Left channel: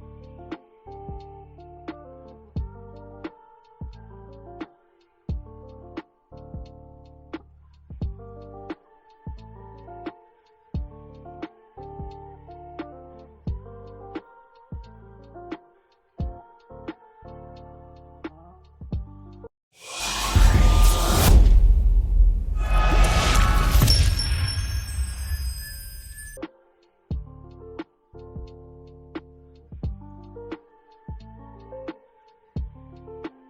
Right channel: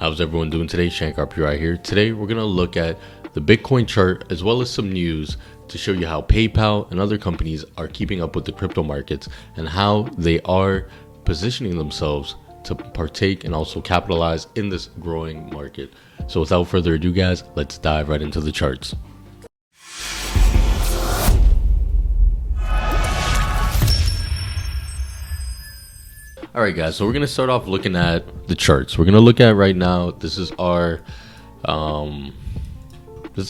How's everyone doing today? Shankar right here. Today we're going to look at the Bitcoin chart as well as some news to show you how PayPal and other companies are keeping up with the crypto markets and how they are positioning themselves to partake and also capitalize in this growing market. So without further ado, guys, let's dive right into the charts. All right, guys, so we're going to start off looking at the charts. We're going to look at right now, this is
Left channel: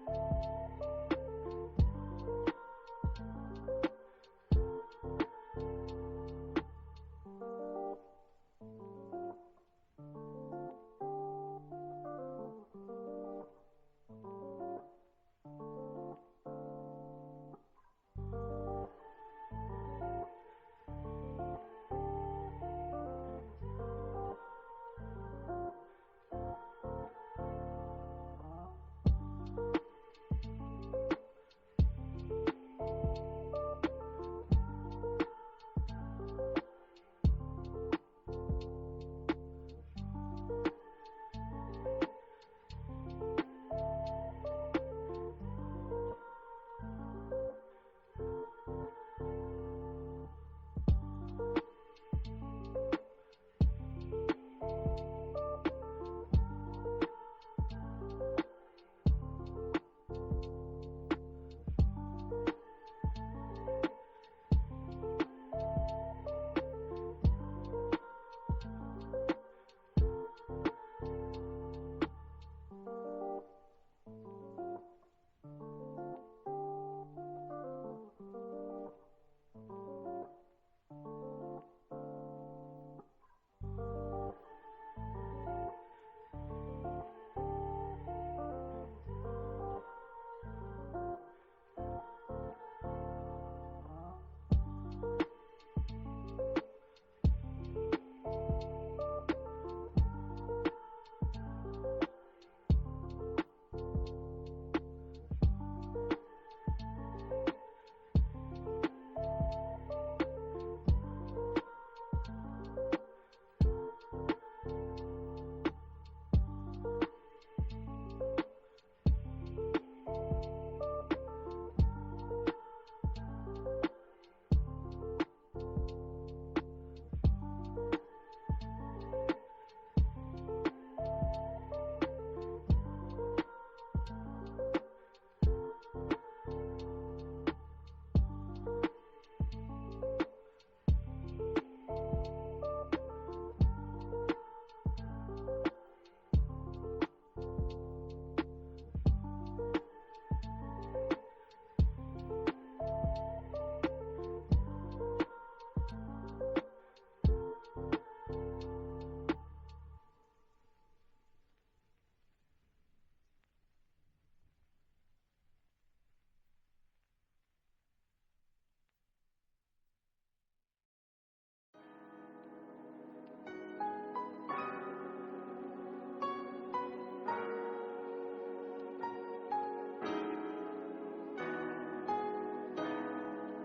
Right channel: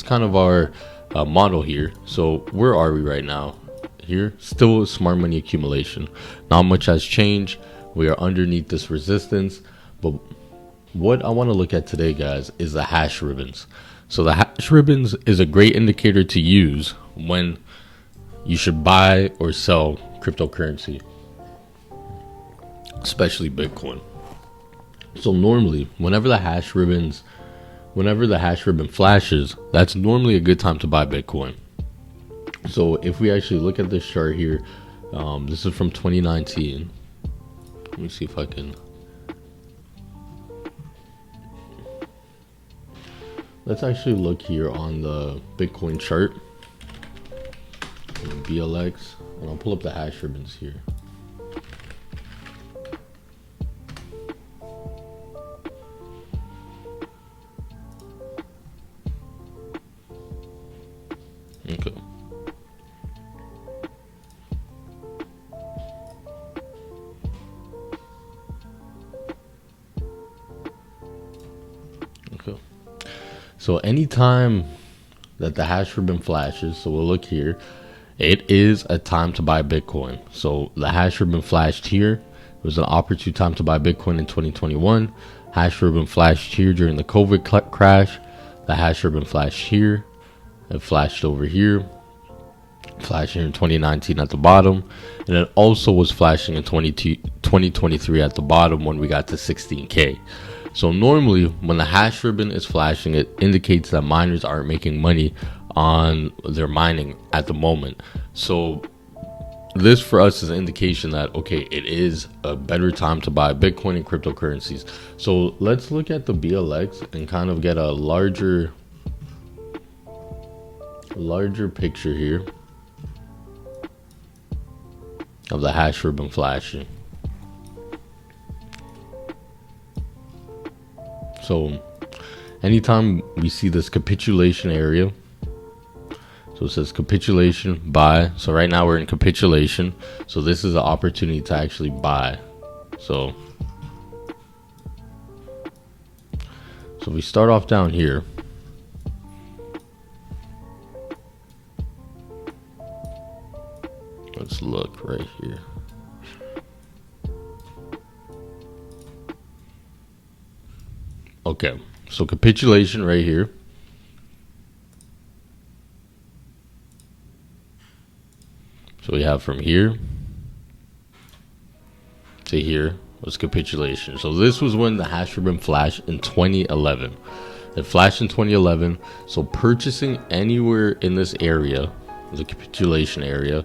kind of our model here. So where are we right now? Here, still smart money accumulation. Not much has changed. We are underneath this resistance. But what I want to look at today, guys, is the hash ribbons. So the hash ribbons is a great indicator to use when you should buy or sell cryptocurrency, especially Bitcoin. So normally, whenever the hash ribbon flashes, that's normally a good time to buy Bitcoin. So if we actually look at this chart here, this is from 2019. Let me see if I can. Let's actually look here on the Bitcoin chart, BLX, and I'll pull up the hash ribbons here. Okay. So anytime that the hash ribbon flashes, so we'll look here, it is a time to buy Bitcoin. So the hash ribbon flashed here. It was an opportune time to buy Bitcoin in 2021. Hash ribbon flashed here during the COVID crash. The hash ribbon flashed here. It flashed over here. Flashed here in 2019 at the bottom. And it also was flashing in 2023 at the bottom when we got to 16K. So normally when the hash ribbon is flashing, it indicates that miners aren't making money on their mining at the moment. So this for us is an indication that, okay, it is a better time to buy Bitcoin and cryptocurrencies. So let's look at the BLX and kind of get a larger picture here of the hash ribbon flashing. So anytime we see this capitulation area, so it says capitulation, buy. So right now we're in capitulation. So this is an opportunity to actually buy. So we start off down here. Let's look right here. Okay, so capitulation right here. So we have from here to here was capitulation. So this was when the hash ribbon flashed in 2011. It flashed in 2011. So purchasing anywhere in this area, the capitulation area,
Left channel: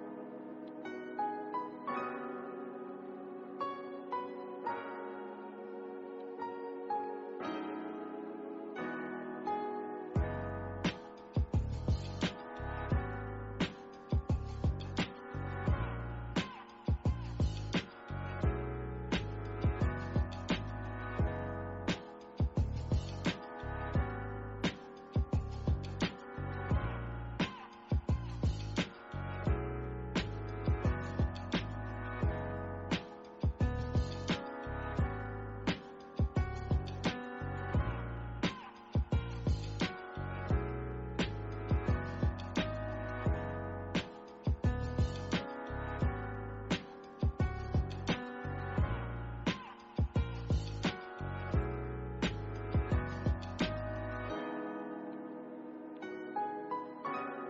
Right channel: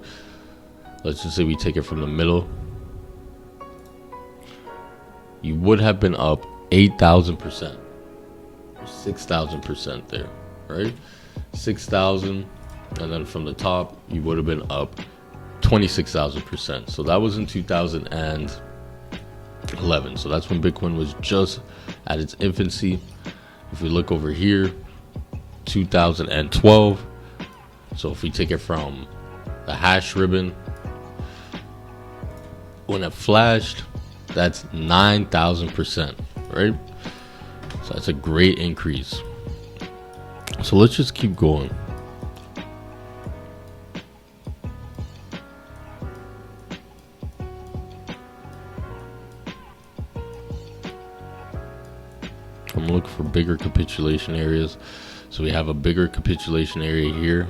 let's just say we take it from the middle, you would have been up 8,000%, 6,000% there, right? 6,000, and then from the top, you would have been up 26,000%. So that was in 2011. So that's when Bitcoin was just at its infancy. If we look over here, 2012. So if we take it from the hash ribbon, when it flashed, that's 9,000%. Right? So that's a great increase. So let's just keep going. I'm looking for bigger capitulation areas. So we have a bigger capitulation area here.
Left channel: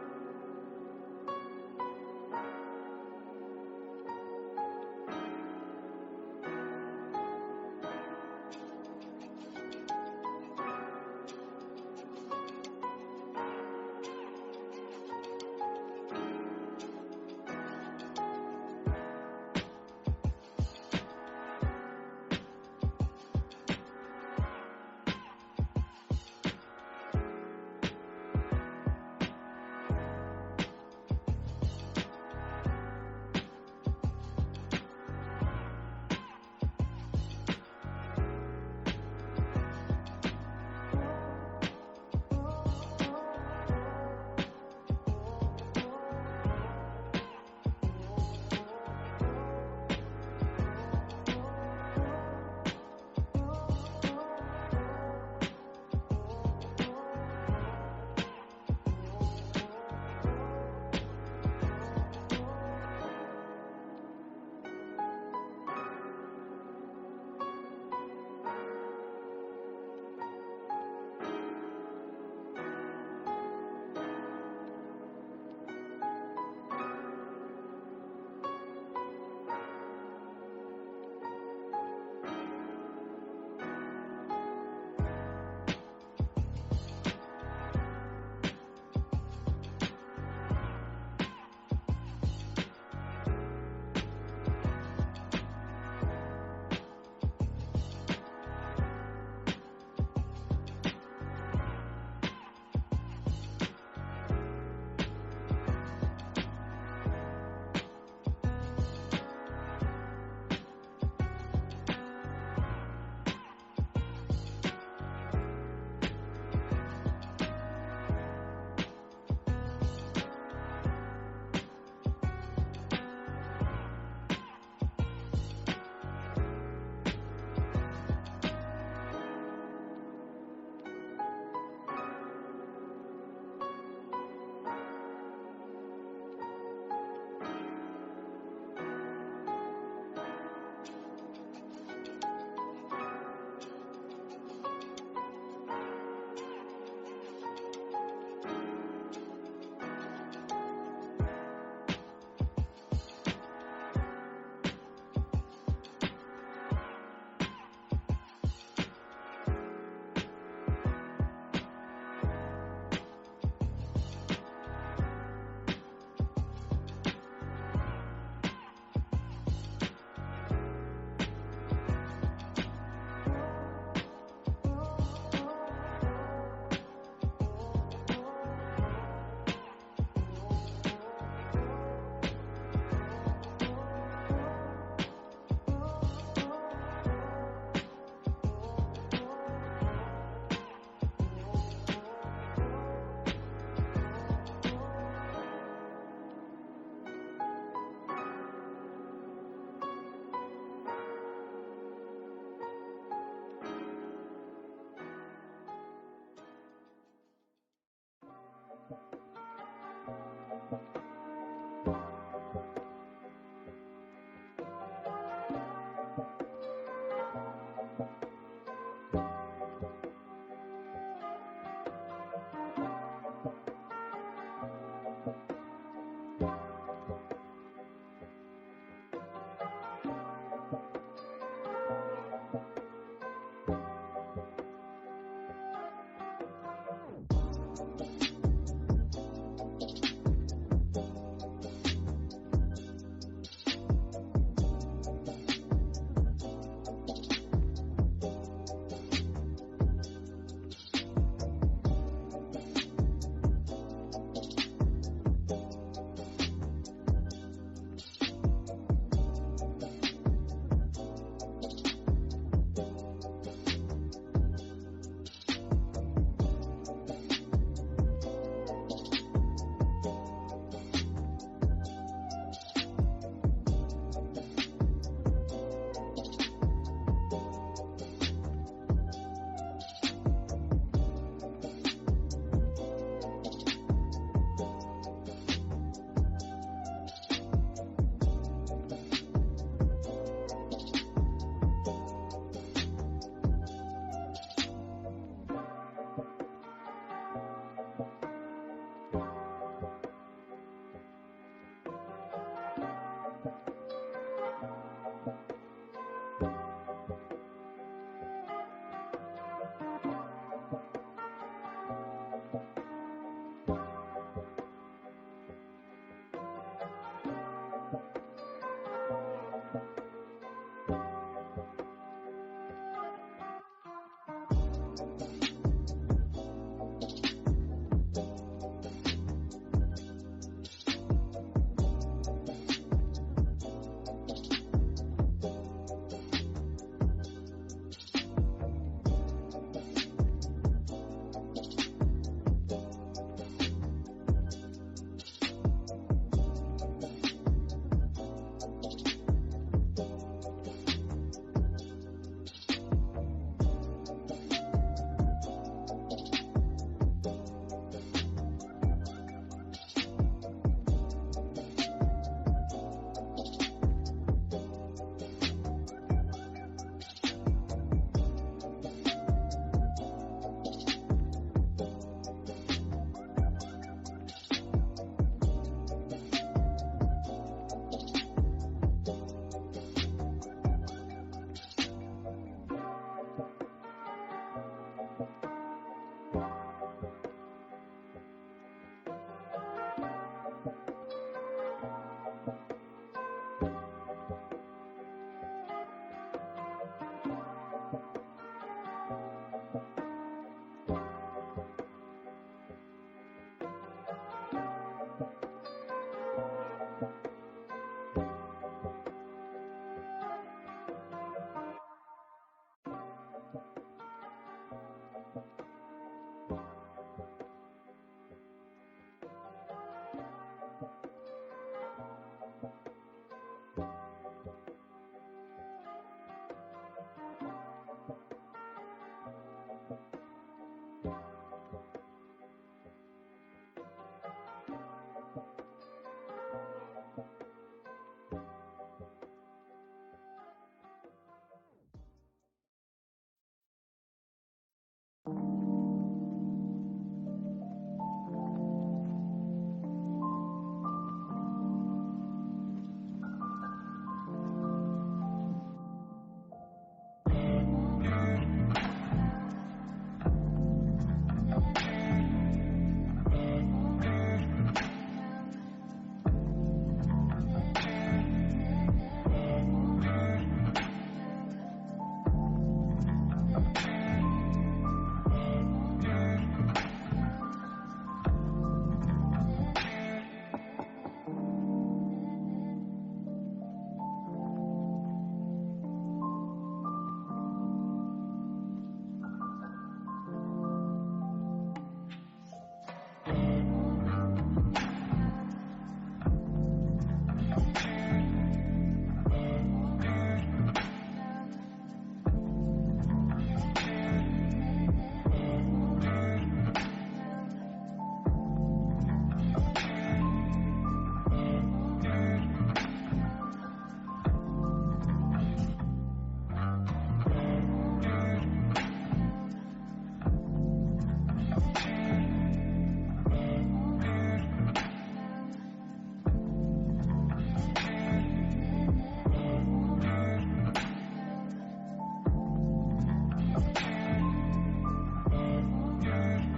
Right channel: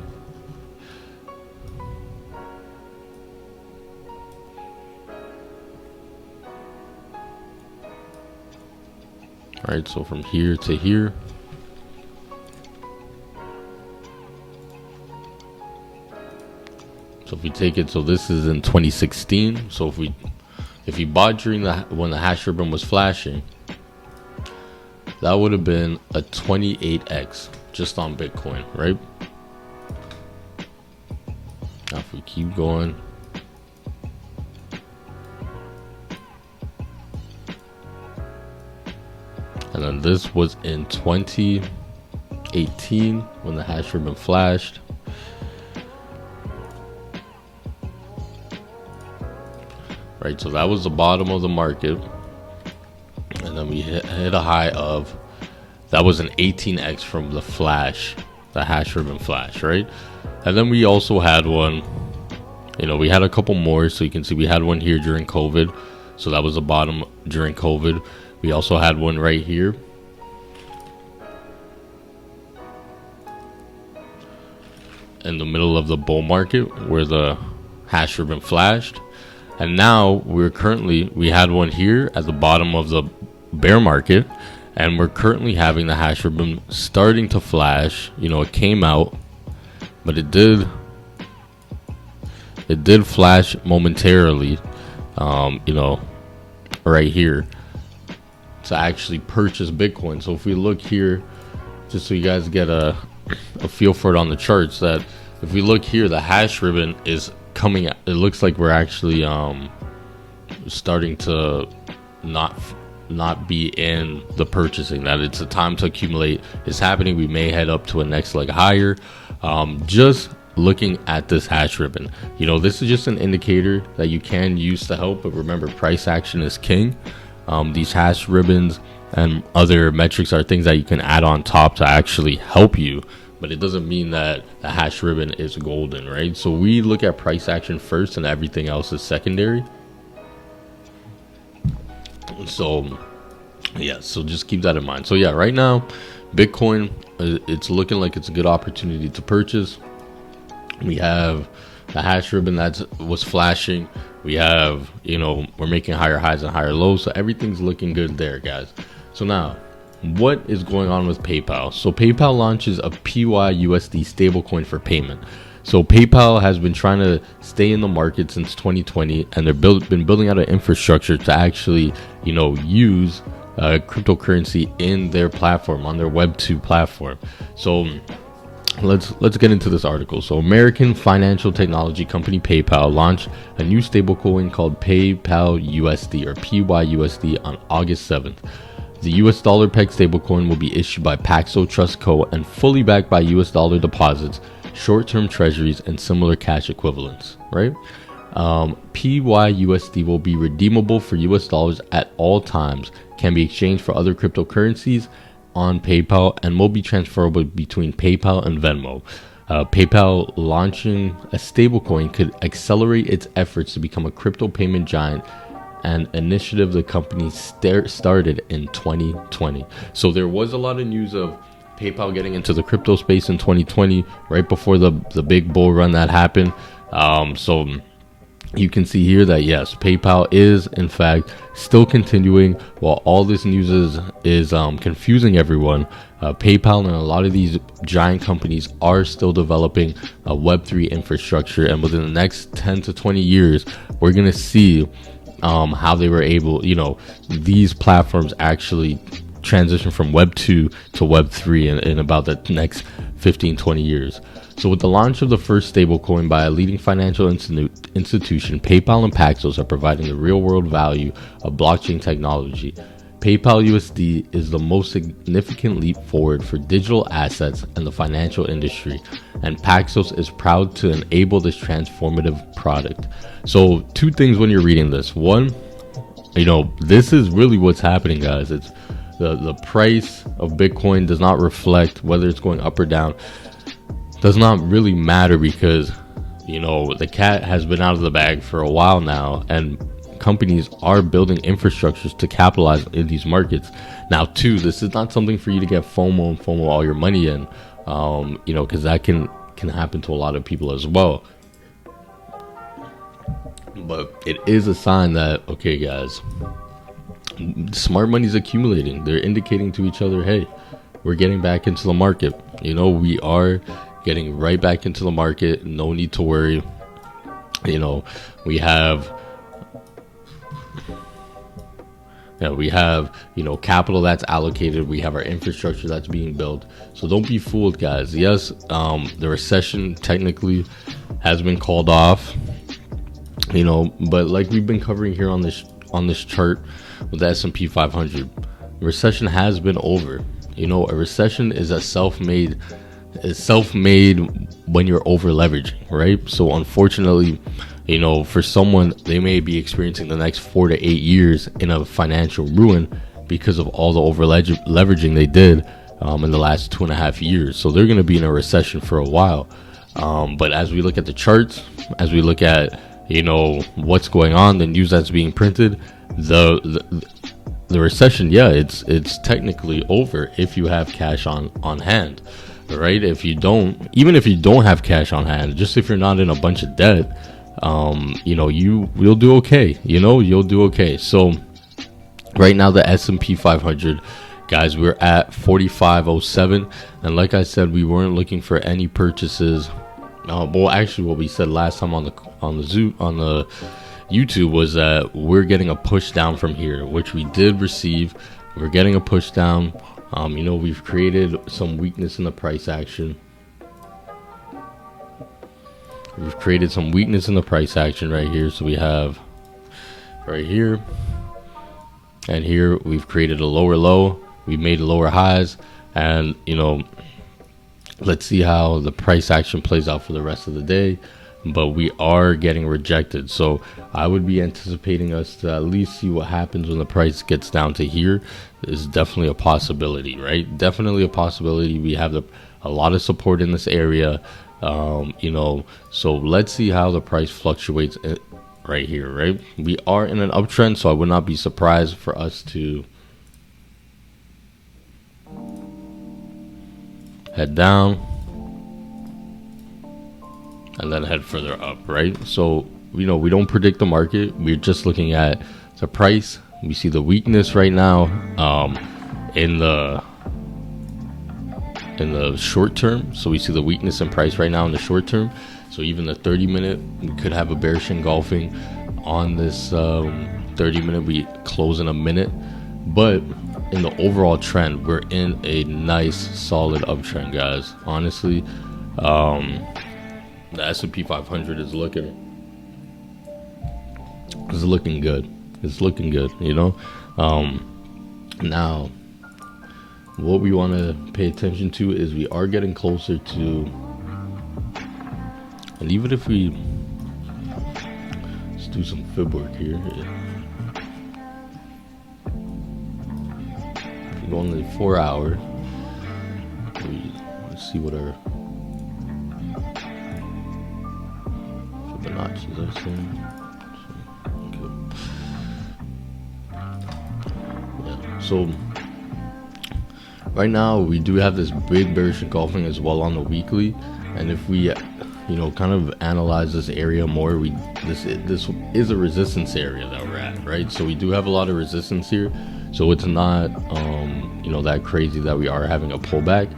All right, so from here to here. So if we take it, so this is in 2016. So if you bought during when the hash ribbon was flashing, that would have been a 28x just on Bitcoin, right? Now if we keep going, and then this was in 2018 when the hash ribbon flashed. Right, so that was the bottom of the market, and then we hit a high of, that was an 18x from the flash, the hash ribbon flash, right? And then we also had one, we had a couple more. So you can see we had one here during COVID, so that was the bottom during COVID. We also had one right here, in the middle of the bull market where the hash ribbon flashed. And now we had one here at the bottom of the bear market, and we're currently having the hash ribbon starting to flash. It came out, but it did flash momentarily, right here, to actually purchase Bitcoin. So if we look here, just so you guys get a feel for it on the charts, that if we look here, the hash ribbon is coming. It looks like we're actually starting to not be in the purchasing, that it's a time to accumulate is happening. We may head up to a next leg higher. Just looking at this hash ribbon, this is just an indicator that you can use to help, but remember, price action is king. These hash ribbons and other metrics are things that you can add on top to actually help you, but it doesn't mean that the hash ribbon is golden, right? So we look at price action first and everything else is secondary. So yeah, so just keep that in mind. So yeah, right now Bitcoin, it's looking like it's a good opportunity to purchase. We have the hash ribbon that was flashing. We have, we're making higher highs and higher lows, so everything's looking good there, guys. So now, what is going on with PayPal? So PayPal launches a PYUSD stablecoin for payment. So PayPal has been trying to stay in the market since 2020, and they've been building out an infrastructure to actually, use cryptocurrency in their platform, on their Web 2 platform. So let's get into this article. So American financial technology company PayPal launched a new stablecoin called PayPal USD, or PYUSD, on August 7th. The US dollar pegged stablecoin will be issued by Paxos Trust Co. and fully backed by US dollar deposits, short-term treasuries, and similar cash equivalents, right? PYUSD will be redeemable for US dollars at all times, can be exchanged for other cryptocurrencies on PayPal, and will be transferable between PayPal and Venmo. PayPal launching a stablecoin could accelerate its efforts to become a crypto payment giant, an initiative the company started in 2020. So there was a lot of news of PayPal getting into the crypto space in 2020, right before the big bull run that happened. So you can see here that yes, PayPal is in fact still continuing. While all this news is confusing everyone, PayPal and a lot of these giant companies are still developing a Web3 infrastructure, and within the next 10 to 20 years, we're gonna see how they were able, these platforms actually transition from Web 2 to Web 3 in about the next 15-20 years. So with the launch of the first stablecoin by a leading financial institution, PayPal and Paxos are providing the real-world value of blockchain technology. PayPal USD is the most significant leap forward for digital assets and the financial industry, and Paxos is proud to enable this transformative product. So two things when you're reading this. One, this is really what's happening, guys. It's the price of Bitcoin does not reflect whether it's going up or down. Does not really matter, because the cat has been out of the bag for a while now, and companies are building infrastructures to capitalize in these markets. Now too, this is not something for you to get FOMO all your money in, because that can happen to a lot of people as well. But it is a sign that, okay guys, smart money's accumulating. They're indicating to each other, hey, we're getting back into the market. We are getting right back into the market. No need to worry. We have, We have, capital that's allocated. We have our infrastructure that's being built. So don't be fooled, guys. Yes, the recession technically has been called off, but like we've been covering here on this chart with the S&P 500, recession has been over. A recession is self-made when you're over leveraging, right? So unfortunately, for someone, they may be experiencing the next 4 to 8 years in a financial ruin because of all the over leveraging they did in the last 2.5 years. So they're going to be in a recession for a while. But as we look at the charts, as we look at what's going on, the news that's being printed, the recession, it's technically over if you have cash on hand, right? If you don't have cash on hand, just if you're not in a bunch of debt, you'll do okay. You'll do okay. So right now the S&P 500, guys, we're at 4507, and like I said, we weren't looking for any purchases. Well, actually, what we said last time on the YouTube was that we're getting a push down from here, which we did receive. We're getting a push down. We've created some weakness in the price action. We've created some weakness in the price action right here. So we have right here and here, we've created a lower low. We made lower highs, and let's see how the price action plays out for the rest of the day. But we are getting rejected, so I would be anticipating us to at least see what happens when the price gets down to here. Is definitely a possibility, right? Definitely a possibility. We have a lot of support in this area, so let's see how the price fluctuates right here, right? We are in an uptrend, so I would not be surprised for us to head down and then head further up, right? So we don't predict the market. We're just looking at the price. We see the weakness right now in the short term. So we see the weakness in price right now in the short term. So even the 30-minute, we could have a bearish engulfing on this 30-minute. We close in a minute, but in the overall trend, we're in a nice solid uptrend, guys. Honestly, the S&P 500 is looking good. It's looking good, Now, what we want to pay attention to is we are getting closer to, and even if we let's do some fib work here. If we go on the 4 hour, let's see what our Fibonacci's are saying. So right now we do have this big bearish engulfing as well on the weekly, and if we kind of analyze this area more, this is a resistance area that we're at, right? So we do have a lot of resistance here, so it's not that crazy that we are having a pullback.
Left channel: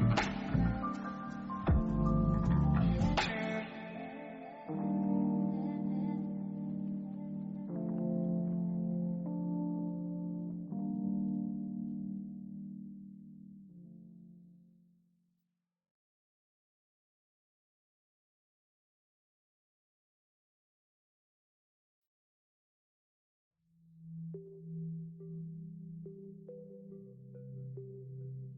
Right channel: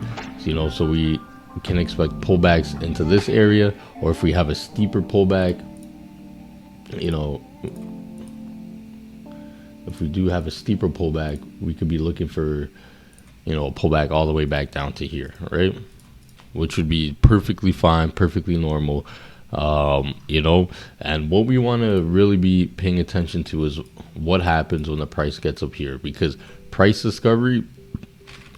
So we can expect pullbacks into this area, or if we have a steeper pullback, if we do have a steeper pullback, we could be looking for, a pullback all the way back down to here, right? Which would be perfectly fine, perfectly normal, and what we want to really be paying attention to is what happens when the price gets up here, because price discovery,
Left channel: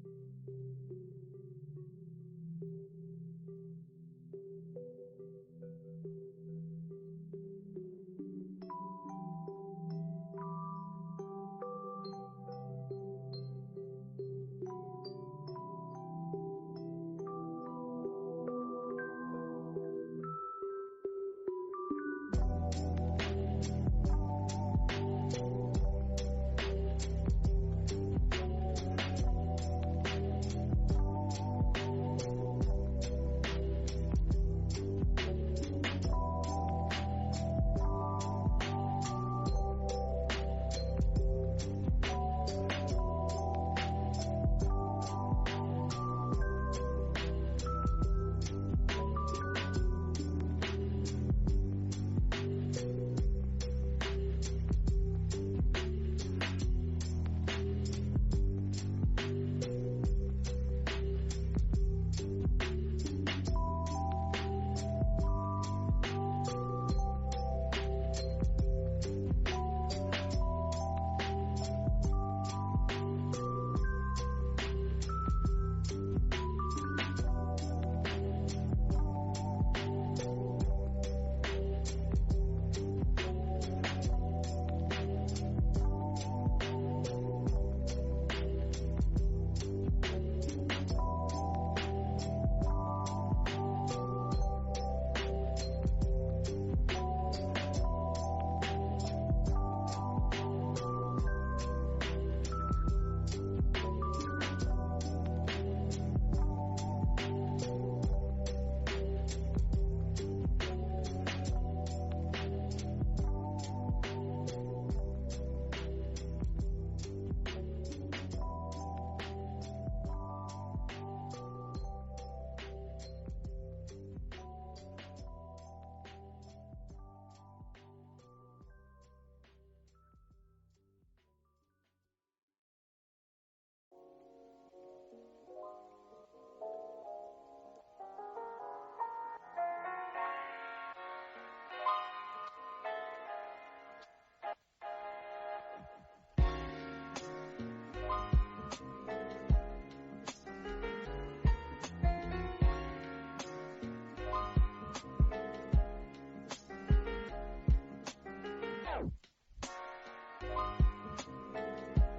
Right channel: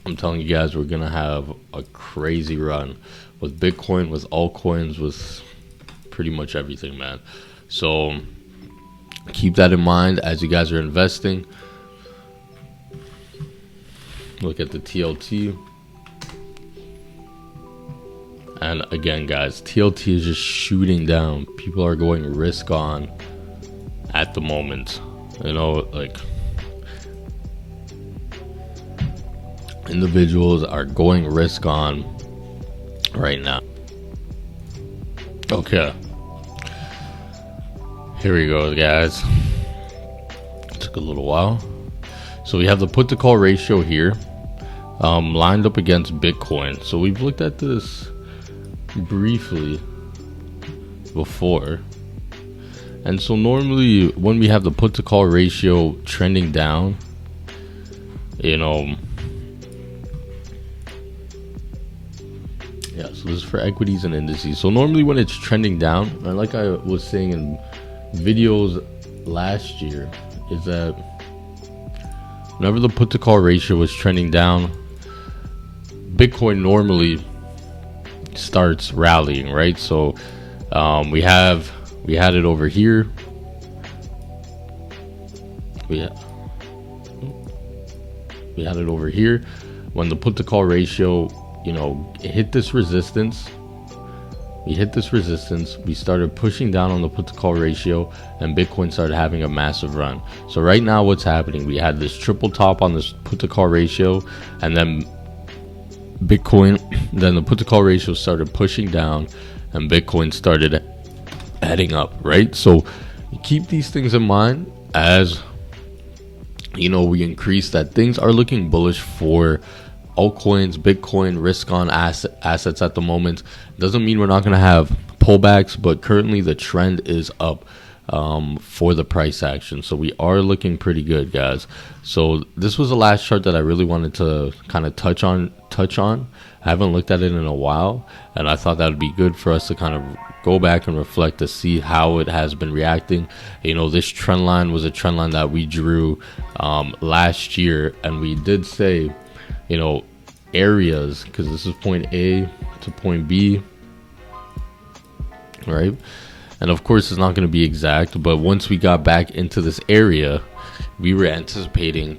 I'm telling you guys, we're going to have a crazy run with Bitcoin, with altcoins, with pretty much everything, man. So keep that in mind as you guys are investing. Look at the TLT. And again, guys, TLT is just shooting down. People are going risk on at the moment. Individuals are going risk on right now. Okay. Here we go, guys. It took a little while. So we have the put to call ratio here, lined up against Bitcoin. So we've looked at this briefly before. And so normally when we have the put to call ratio trending down, you know, yeah, so this is for equities and indices. So normally when it's trending down, and like I was saying in videos last year, is that whenever the put to call ratio was trending down, Bitcoin normally starts rallying, right? So we had it over here. We had it over here when the put to call ratio, it hit this resistance. We hit this resistance. We started pushing down on the put to call ratio, and Bitcoin started having a massive run. So right now, what's happening? We had this triple top on this put to call ratio, and then Bitcoin, then the put to call ratio started pushing down, and Bitcoin started heading up, right? So keep these things in mind as we increase that. Things are looking bullish for altcoins, Bitcoin, risk on assets at the moment. Doesn't mean we're not going to have pullbacks, but currently the trend is up for the price action. So we are looking pretty good, guys. So this was the last chart that I really wanted to kind of touch on. I haven't looked at it in a while, and I thought that would be good for us to kind of go back and reflect to see how it has been reacting. This trend line was a trend line that we drew last year, and we did say, areas, because this is point A to point B, right? And of course it's not going to be exact, but once we got back into this area, we were anticipating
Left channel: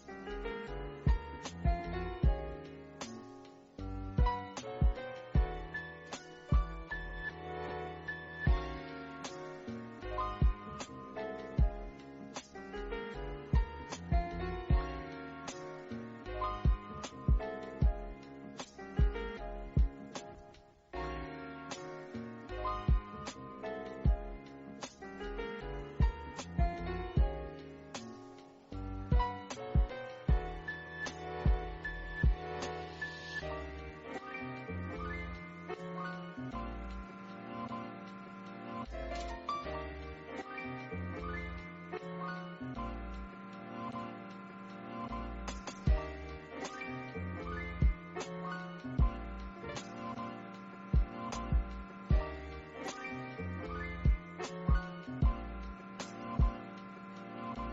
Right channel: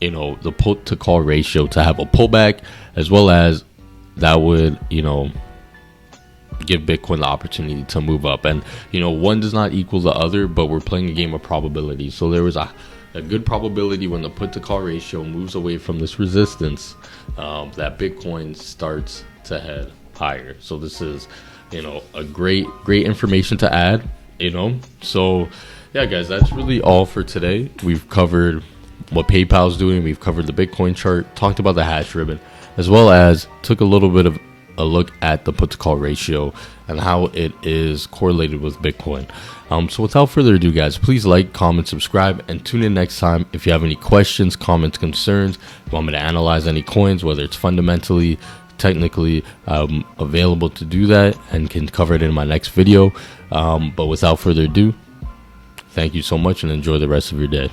the put to call ratio to have a pullback, as well as that would give Bitcoin the opportunity to move up. And one does not equal the other, but we're playing a game of probability. So there was a good probability when the put to call ratio moves away from this resistance, that Bitcoin starts to head higher. So this is a great information to add. So yeah, guys, that's really all for today. We've covered what PayPal's doing, we've covered the Bitcoin chart, talked about the hash ribbon, as well as took a little bit of a look at the put to call ratio and how it is correlated with Bitcoin. So without further ado, guys, please like, comment, subscribe, and tune in next time if you have any questions, comments, concerns, want me to analyze any coins, whether it's fundamentally, technically, available to do that, and can cover it in my next video. But without further ado, thank you so much and enjoy the rest of your day.